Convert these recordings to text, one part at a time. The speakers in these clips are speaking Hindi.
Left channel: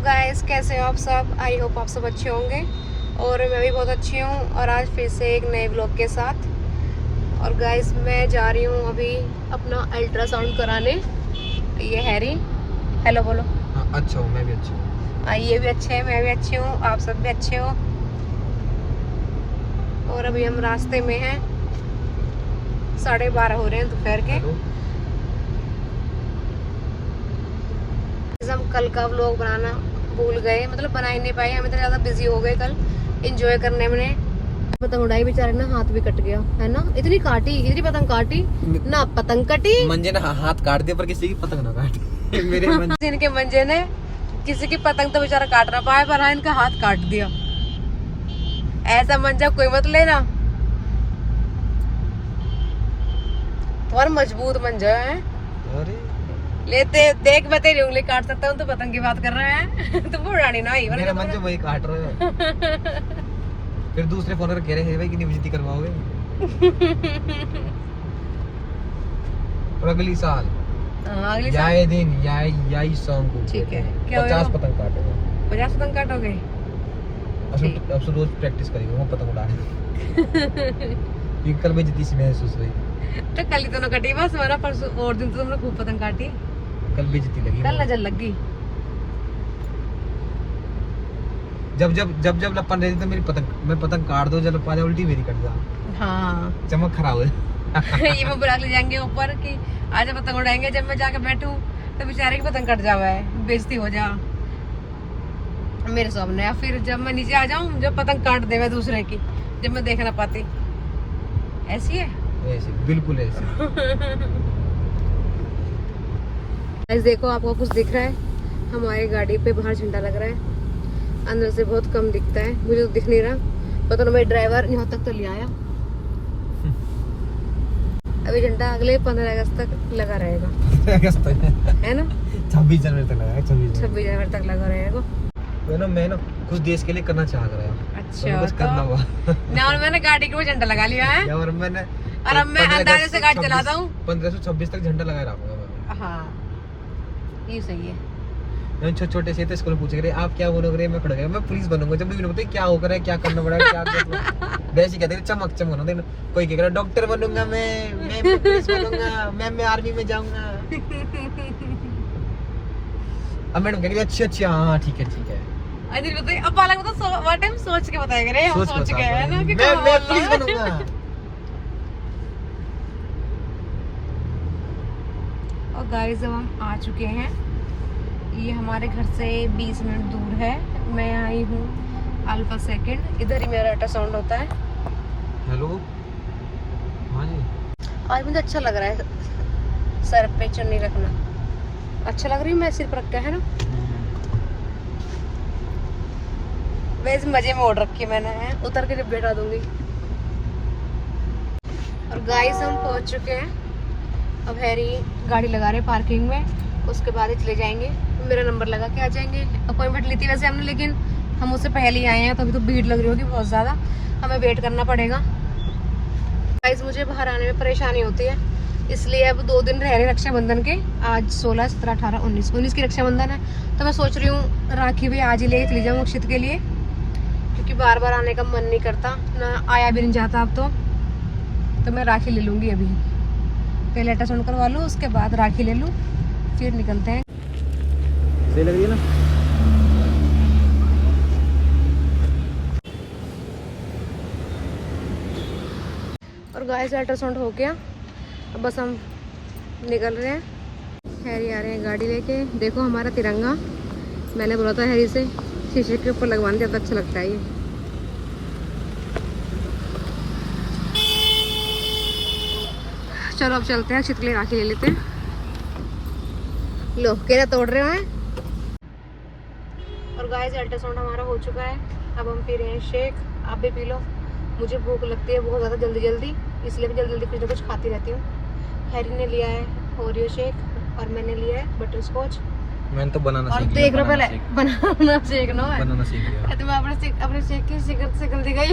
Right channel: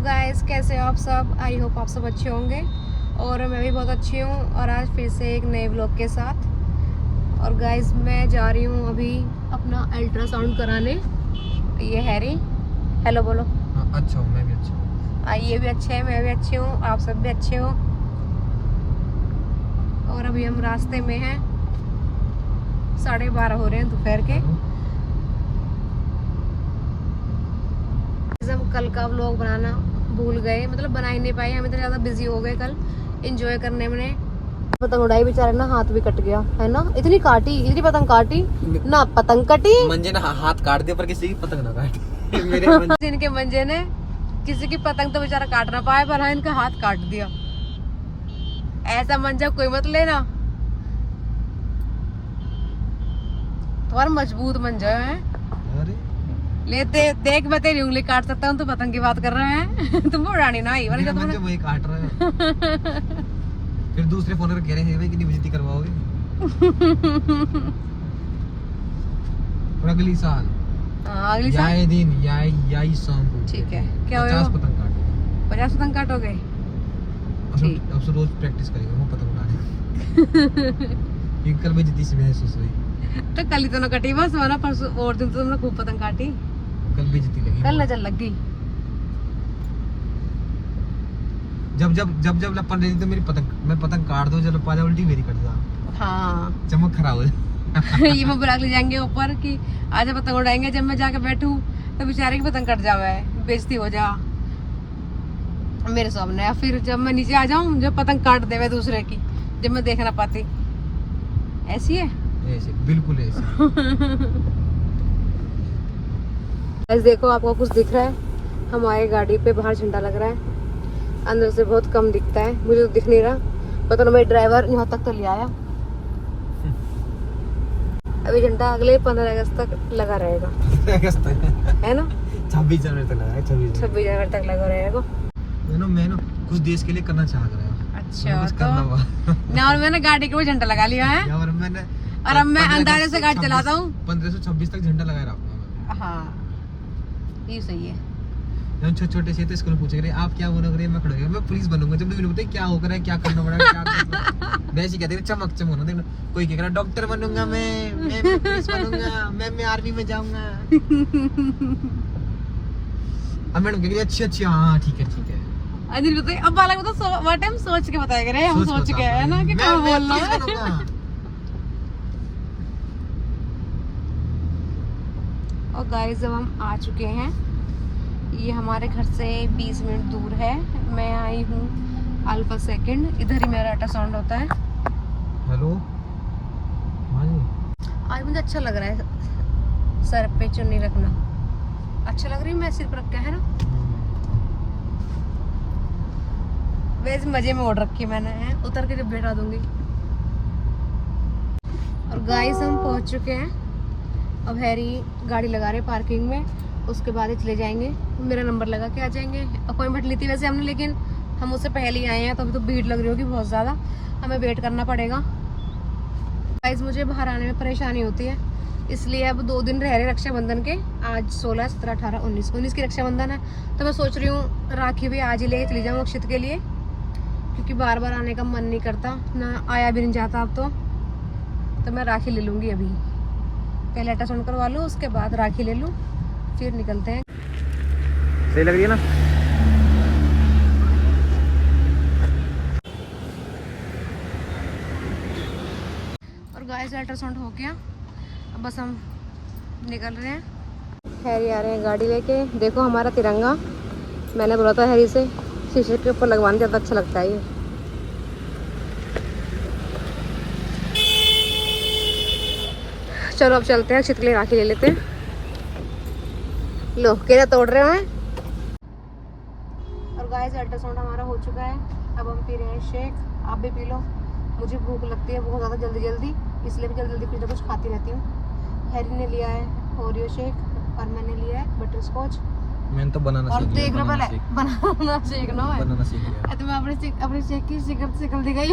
गाइस, कैसे हो आप सब? आई होप आप सब अच्छे होंगे और मैं भी बहुत अच्छी हूँ। और आज फिर से एक नए ब्लॉग के साथ। और गाइस, मैं जा रही हूँ अभी अपना अल्ट्रासाउंड कराने। ये हैरी, हेलो बोलो। हाँ, अच्छा हूँ, मैं भी अच्छा हूँ। ये भी अच्छे हैं, मैं भी अच्छी हूँ, आप सब भी अच्छे हो। और अभी हम रास्ते में हैं, 12:30 हो रहे हैं दोपहर के। हम कल का व्लॉग बनाना भूल गए, मतलब बना ही नहीं पाए। हम इतने ज्यादा बिजी हो गए कल एंजॉय करने में। पतंग उड़ाई, बेचारे ना हाथ भी कट गया है ना। इतनी पतंग काटी ना, पतंग कटी। मंजे ने हाथ काट दिया पर किसी की पतंग ना काटी। मेरे इनके मंजे ने किसी की पतंग तो बेचारा काट ना पाए, पर हाँ इनका हाथ काट दिया। ऐसा मंजा कोई मत लेना, तुम्हारा मजबूत मंजा है। अरे लेते देख, मैं तेरी उंगली काट सकता हूँ, तो पतंग की बात कर रहे हैं। तुम उड़ानी ना ही मेरा मंजे वही काट रहे हो। फिर दूसरे फोन पर कह रहे हैं भाई कि बेइज्जती करवाओगे। और अगली साल अगली साल याई दिन याई सॉन्ग को ठीक है, क्या 50 पतंग काटेंगे। 50 पतंग काटोगे? अब से रोज प्रैक्टिस करेंगे वो पतंग उड़ाने। ये कल बेइज्जती सी महसूस हुई। तो कल ही तो ना कटी बस, वरना परसों और दिन तो तुमने खूब पतंग काटी। कल बेइज्जती लगी, कल नजर लग गई। जब लपन रही थी तो मेरी मैं पतंग काट दो, जब पाजा उल्टी मेरी कट जा। हाँ। चमक खराब है। ये मैं बुला ले जाएंगे ऊपर कि आज पतंग उड़ाएंगे। जब मैं जाके बैठूं तो बेचारे की पतंग कट जावे, बेइज्जती हो जा मेरे सामने। या फिर जब मैं नीचे आ जाऊं, जब पतंग काट देवे दूसरे की, जब मैं देख ना पाती। ऐसी है, ऐसे बिल्कुल ऐसे। देखो आपको कुछ दिख रहा है? हमारी गाड़ी पे बाहर झंडा लग रहा है, अंदर से बहुत कम दिखता है, मुझे तो दिख नहीं रहा। पता नहीं, मेरे ड्राइवर यहाँ तक तो ले आया। अभी झंडा अगले 15 अगस्त तक लगा रहेगा। अगस्त है ना, 26 जनवरी तक लगेगा। 26 जनवरी तक लगा रहेगा। मैं ना कुछ देश के लिए करना चाह रहा हूँ। अच्छा, कुछ करना हुआ ना। और मैंने गाड़ी के वो झंडा लगा लिया है, और मैंने और अब मैं अंदाजे से गाड़ी चलाता हूँ। 15 से 26 तक झंडा लगाए रखूंगा। हाँ, ये सही है। छोटे से तो स्कूल पूछ रहे आप क्या बनोगे, मैं खड़ा गया मैं पुलिस बनूंगा। जब भी बोलते क्या होकर है, क्या करना पड़ा है, क्या वैसे कहते चमक चमक। कोई कह रहा डॉक्टर बनूंगा, मैं पुलिस बनूंगा, मैं आर्मी में जाऊंगा। अब मैडम कह रही अच्छी हाँ ठीक है। अनिल बताइए, अब बालक तो वो टाइम सोच के बताया करे, हम सोच के है ना कि क्या बोल रहा है। और गाइस, अब हम आ चुके हैं। ये हमारे घर से 20 मिनट दूर है। मैं आई हूँ अल्फा सेकंड, इधर ही मेरा अल्ट्रासाउंड होता है। हेलो हाँ जी। आज मुझे अच्छा लग रहा है सर पे चुन्नी रखना, अच्छा लग रही है। मैं सिर पर रख के, है ना, वैसे मजे में ओढ़ रखी मैंने है। उतर के जब बैठा दूंगी। और गाइस, हम पहुंच चुके हैं। अब हैरी गाड़ी लगा रहे पार्किंग में, उसके बाद ही चले जाएंगे। मेरा नंबर लगा के आ जाएंगे। अपॉइंटमेंट ली थी वैसे हमने, लेकिन हम उससे पहले ही आए हैं, तो अभी तो भीड़ लग रही होगी बहुत ज़्यादा, हमें वेट करना पड़ेगा। गाइस, मुझे बाहर आने में परेशानी होती है, इसलिए अब 2 दिन रह रहे रक्षाबंधन के। आज 16, 17, 18, 19 की रक्षाबंधन है। तो मैं सोच रही हूँ राखी भी आज ही लेके चली जाऊँ अक्षित के लिए, क्योंकि बार बार आने का मन नहीं करता ना, आया भी नहीं जाता अब तो मैं राखी ले लूँगी। अभी पहले अल्ट्रासाउंड करवा लूँ, उसके बाद राखी ले लूँ, फिर निकलते हैं। सही लग रही है ना? और गाइस, अल्ट्रासाउंड हो गया, अब बस हम निकल रहे हैं। हैरी आ रहे हैं गाड़ी लेके। देखो हमारा तिरंगा, मैंने बोला था हैरी से शीशे के ऊपर लगवाने, ज़्यादा अच्छा लगता है ये। चलो अब चलते हैं, अक्षित के लिए राखी ले लेते हैं। लो, केरा तोड़ रहे हैं। और गाइस, अल्ट्रासाउंड हमारा हो चुका है। अब हम पी रहे हैं शेक, आप भी पी लो। मुझे भूख लगती है बहुत ज़्यादा जल्दी, इसलिए मैं जल्दी कुछ ना कुछ खाती रहती हूँ। हैरी ने लिया है ओरियो शेक और मैंने लिया है बटर स्कॉच। मैंने तो बनाना और सीख लिया। देख रहे पहले बनाना सीखना है। बनाना सीख लिया। तुम्हें अपने शेक की सिगरेट से गलती गई।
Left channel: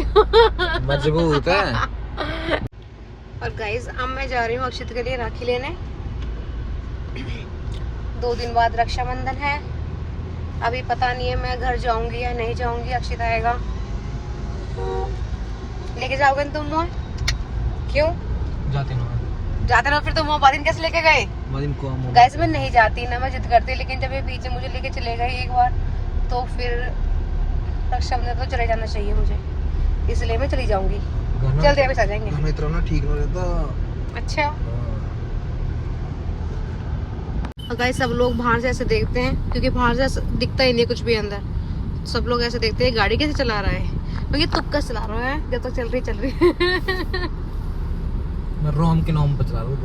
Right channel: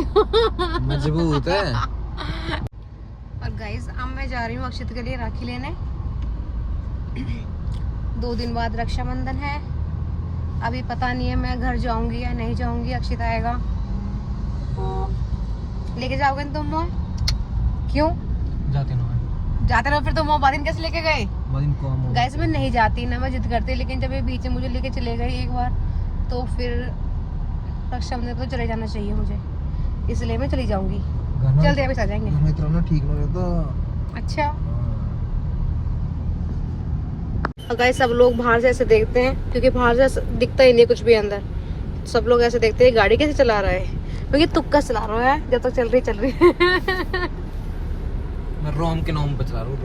मजबूत है। और गाइस, अब मैं जा रही हूँ अक्षित के लिए राखी लेने। 2 दिन बाद रक्षाबंधन है, अभी पता नहीं है मैं घर जाऊंगी या नहीं जाऊंगी। अक्षित आएगा। लेके जाओगे तुम मुझे? क्यों जाते रहो फिर? तुम बादिन कैसे लेके गए? को गैस में नहीं जाती ना, मैं जिद करती, लेकिन जब ये बीच में मुझे लेके चले गए एक बार तो फिर रक्षाबंधन तो चले जाना चाहिए मुझे, इसलिए मैं चली जाऊंगी। जल्दी अभी आ जाएंगे। हमें इतना ठीक नहीं रहता। अच्छा। और गाइस सब लोग बाहर से ऐसे देखते हैं, क्योंकि बाहर से ऐसे दिखता ही नहीं कुछ भी अंदर। सब लोग ऐसे देखते हैं गाड़ी कैसे चला रहा है, क्योंकि तुक्का चला रहा है, जब तक चल रही मैं रोम के नाम पे चला रहा हूँ।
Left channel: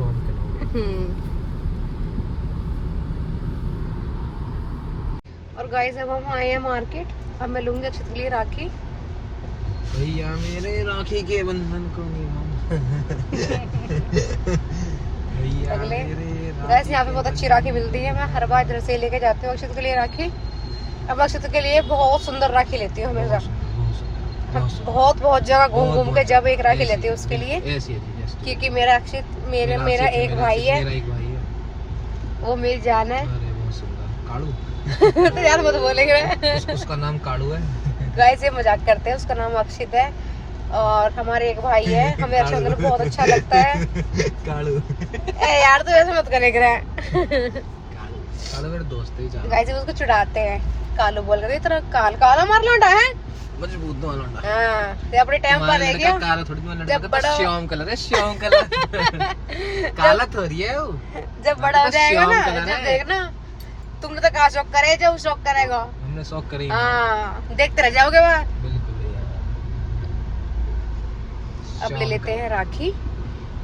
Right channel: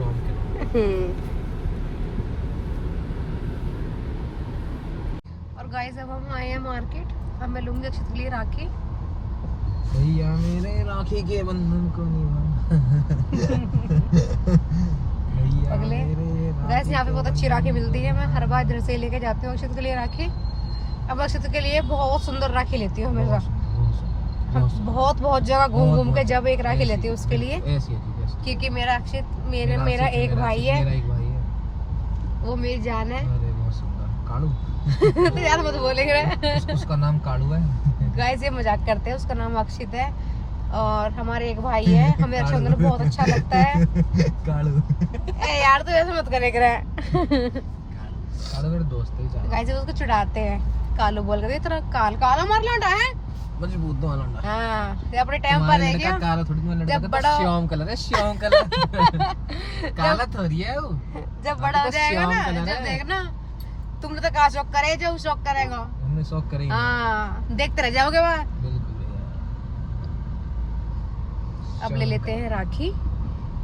और गाइस अब हम आए हैं मार्केट। अब मैं लूंगी अक्षित के लिए राखी। भैया मेरे राखी के बंधन को अगले गैस यहाँ पे बहुत अच्छी राखी मिलती है। मैं हर बार इधर से लेके जाती हूँ अक्षित के लिए राखी। अब अक्षित के लिए बहुत सुंदर राखी लेती हूँ हमेशा। हम बहुत जगह घूम के जब एक राखी लेती हूँ उसके लिए, क्योंकि मेरा अक्षित मेरा एक भाई है, वो मेरी जान है। तो यार मत बोलेंगे। उसका नाम काड़ू है। गाइस ये मजाक करते हैं, उसका नाम अक्षित है और हमारे एक भाई है। हमें रक्षाबंधन बहुत अच्छा लगता है। काड़ू ए यार तो ऐसे मत करे। काड़ू मेरा दोस्त है। गाइस उसको चिढ़ाते हैं कालू बोल के, इतना काला मार लौंडा है। मजबूत दो लौंडा। हां ये अपने टाइम पर है क्या? काला थोड़ी मैं जब बड़ा श्याम कलर है, श्याम कलर। काला थोड़ी है वो। जब बड़ा हो जाएगा ना, जब देखना तुमने तो कहा शौक करे, जो शौक करेगा। हमने शौक करी। हाँ देखते रह जाओगे वहाँ। बिल्कुल। अब ले लेते हैं राखी,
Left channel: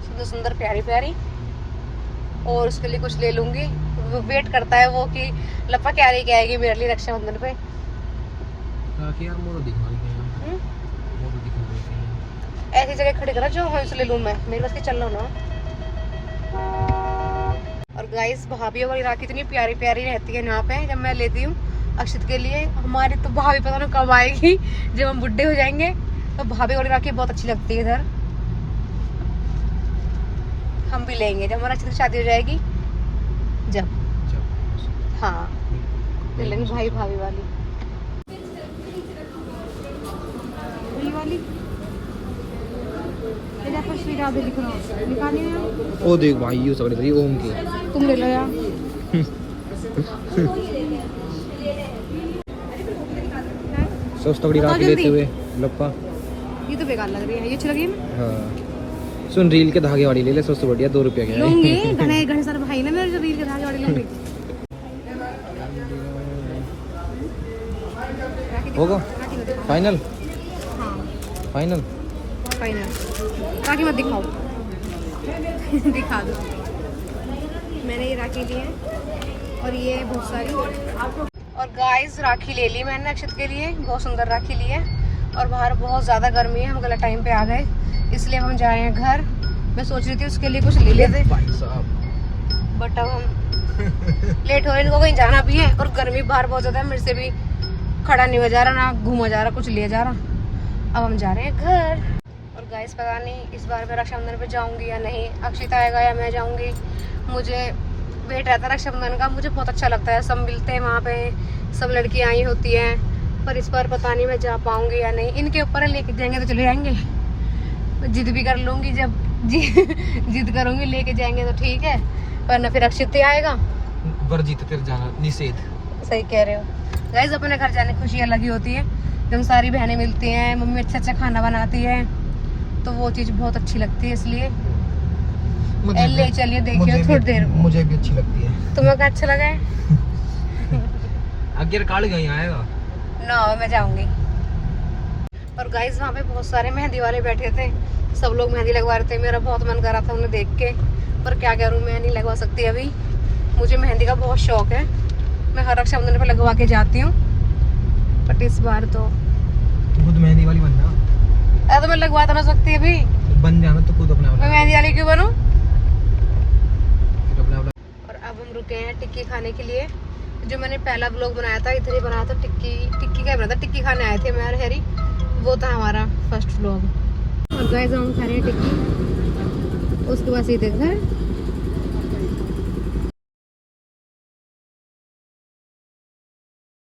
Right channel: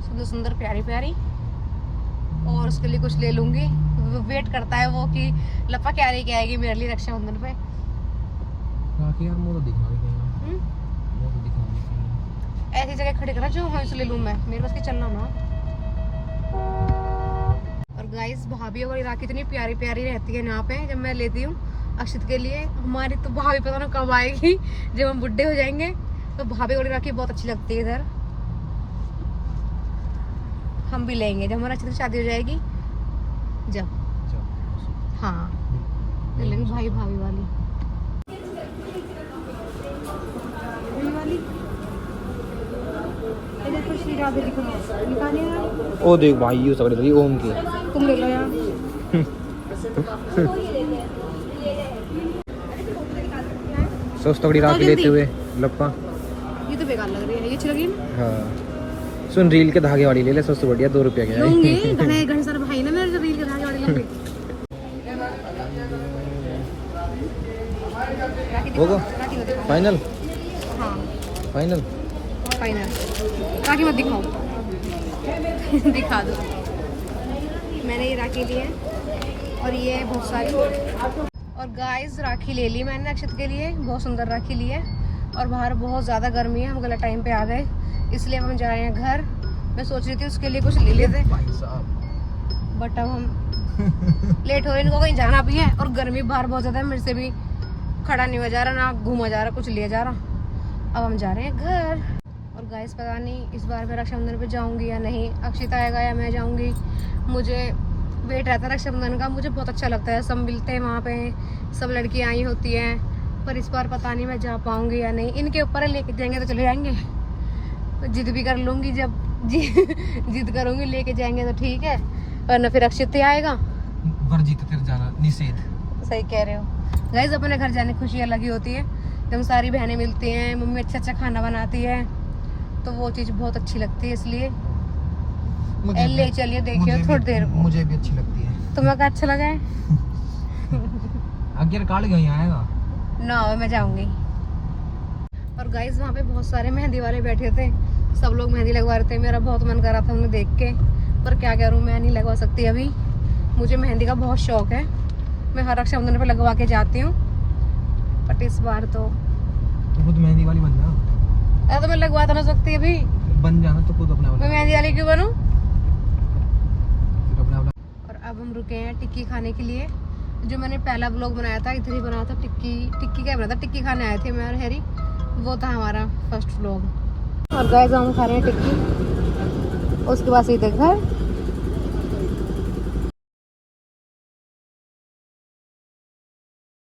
सुंदर सुंदर प्यारी प्यारी। और उसके लिए कुछ ले लूंगी। वो वेट करता है वो कि लपा क्या लेके आएगी मेरे लिए रक्षाबंधन पे। राखी यार वो दिखा रही है। ऐसी जगह खड़ी करा जो हम ले लूं मैं, मेरे पास के चल लो ना। और गाइस भाभी वाली राखी इतनी प्यारी प्यारी रहती है यहाँ पे जब मैं लेती हूँ अक्षित के लिए। हमारी तो भाभी पता नहीं कब आएगी, जब हम बुढ़े हो जाएंगे तो भाभी वाली राखी बहुत अच्छी लगती है इधर। हम भी लेंगे जब हमारा अक्षित की शादी हो जाएगी, जब हाँ ले लेंगे भाई भाभी वाली। ओ देख भाई ये सब रही ओम की। तुम ले लो यार। सस्ता बड़ी राखी लेते हुए लप्पा। ये तो बेकार लग रही है, ये अच्छी लगी है। हाँ सुन रील के धागे वाली ले ले, सबसे बढ़िया 2 रुपया के लूंगी। घने सारे भाई ना मेरे, जो रील के धागे वाली लूंगी। होगा फाइनल। हाँ फाइनल राखी मत दिखाओ। दिखा दो। मैंने ये राखी ली है और ये बहुत सारी। और गाइस राखी ले ली मैंने अक्षित के लिए, बहुत सुंदर राखी ली है। और बाहर बहुत ज़्यादा गर्मी है, हम गलत टाइम पे आ गए, इसलिए हम जा रहे हैं घर। मैं सोच रही थी उसके लिए कुछ ले लेते, बट अब हम लेट हो रहे, इनको कहीं जाना भी है। और गर्मी बाहर बहुत ज़्यादा है, मेरे से भी खड़ा नहीं हो जा रहा, ना घूमा जा रहा, कुछ लिया जा रहा। अब हम जा रहे हैं घर। और गाइस पता नहीं इस बार मैं रक्षाबंधन पे जाऊंगी या नहीं, अक्षित आएगा या मैं जाऊंगी। मुझे वेट रहता है रक्षाबंधन का, मुझे बहुत अच्छा लगता है। सब मिलते हैं वहाँ पे, सब लड़कियाँ आई होती हैं, पर इस बार पता नहीं मैं जा पाऊंगी या नहीं। इनके ऊपर लेके जाएंगे तो चले जाएंगे, जिद भी कर लूँगी, जब जिद करूँगी लेके जाएंगे तो ठीक है, वरना फिर अक्षित ही आएगा। वर्जित तेरे जाना निषेध। सही कह रहे हो गाइस, अपने घर जाने की खुशी अलग ही होती है जब सारी बहनें मिलती हैं, मम्मी अच्छा खाना बनाती है, तो वो चीज़ बहुत अच्छी लगती है। इसलिए ले चलिए देखिए थोड़ी देर। मुझे भी अच्छी लगती है। तुम्हें क्या अच्छा लगा है? अगर काल गई आएगा ना मैं जाऊंगी। और गाइस वहाँ पे बहुत सारे मेहंदी वाले बैठे थे, सब लोग मेहंदी लगवा रहे थे। मेरा बहुत मन कर रहा था उन्हें देख के, पर क्या करूँ मैं नहीं लगवा सकती अभी। मुझे मेहंदी का बहुत शौक है, मैं हर रक्षाबंधन पे लगवा के जाती हूँ, बट इस बार तो खुद मेहंदी वाली बन जाओ। तो मैं लगवा तो ना सकती अभी, बन जाना तो खुद अपना। मैं मेहंदी वाली क्यों बनूं? अपना। और अब हम रुके हैं टिक्की खाने के लिए। जो मैंने पहला ब्लॉग बनाया था इधर ही बनाया था, टिक्की का बनाया था, टिक्की खाने आए थे मैं और हैरी, वो था हमारा फर्स्ट ब्लॉग। और गाइस हम खा रहे हैं टिक्की, उसके बाद सीधे घर।